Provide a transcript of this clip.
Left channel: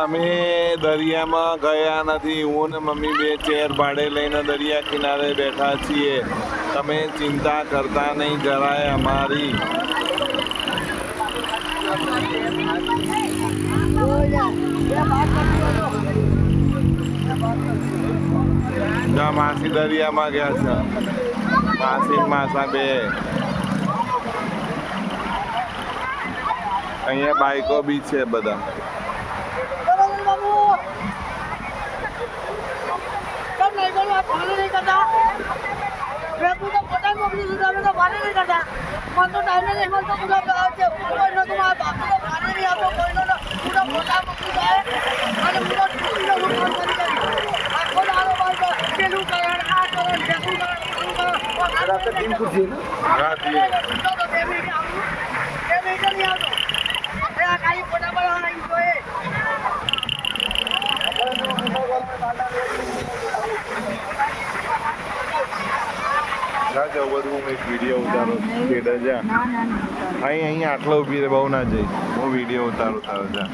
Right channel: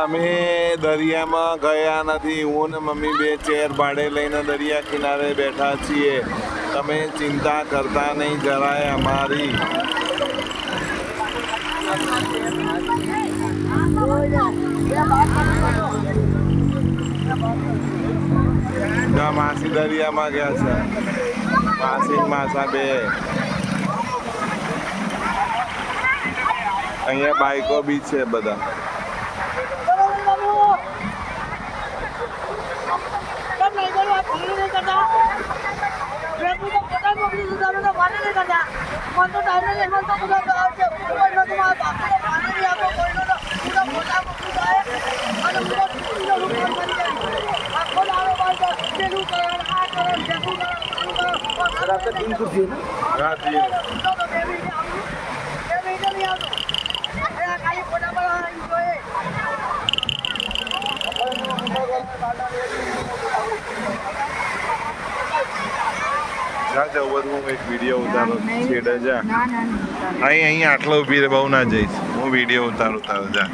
અમે દરિયામાં ગયા નથી. હું ને મમ્મી બે ચેર ભાડે લઈને દરિયા કિનારે બેઠા છીએ. તમે ચિંતા કરતા નહીં જરાય અમારી. જ્યાં માસી દરિયામાં ગયા છે. માસી ને માસા બે. અહીંયા બાઈકો બી છે બધા. જા જવું હું એક વિડીયો ઉતારો છેડે જા. અહીં આટલો ઊભી રે, બહુ ના જઈશ. હું વિડીયો ઉતારું તારો જા.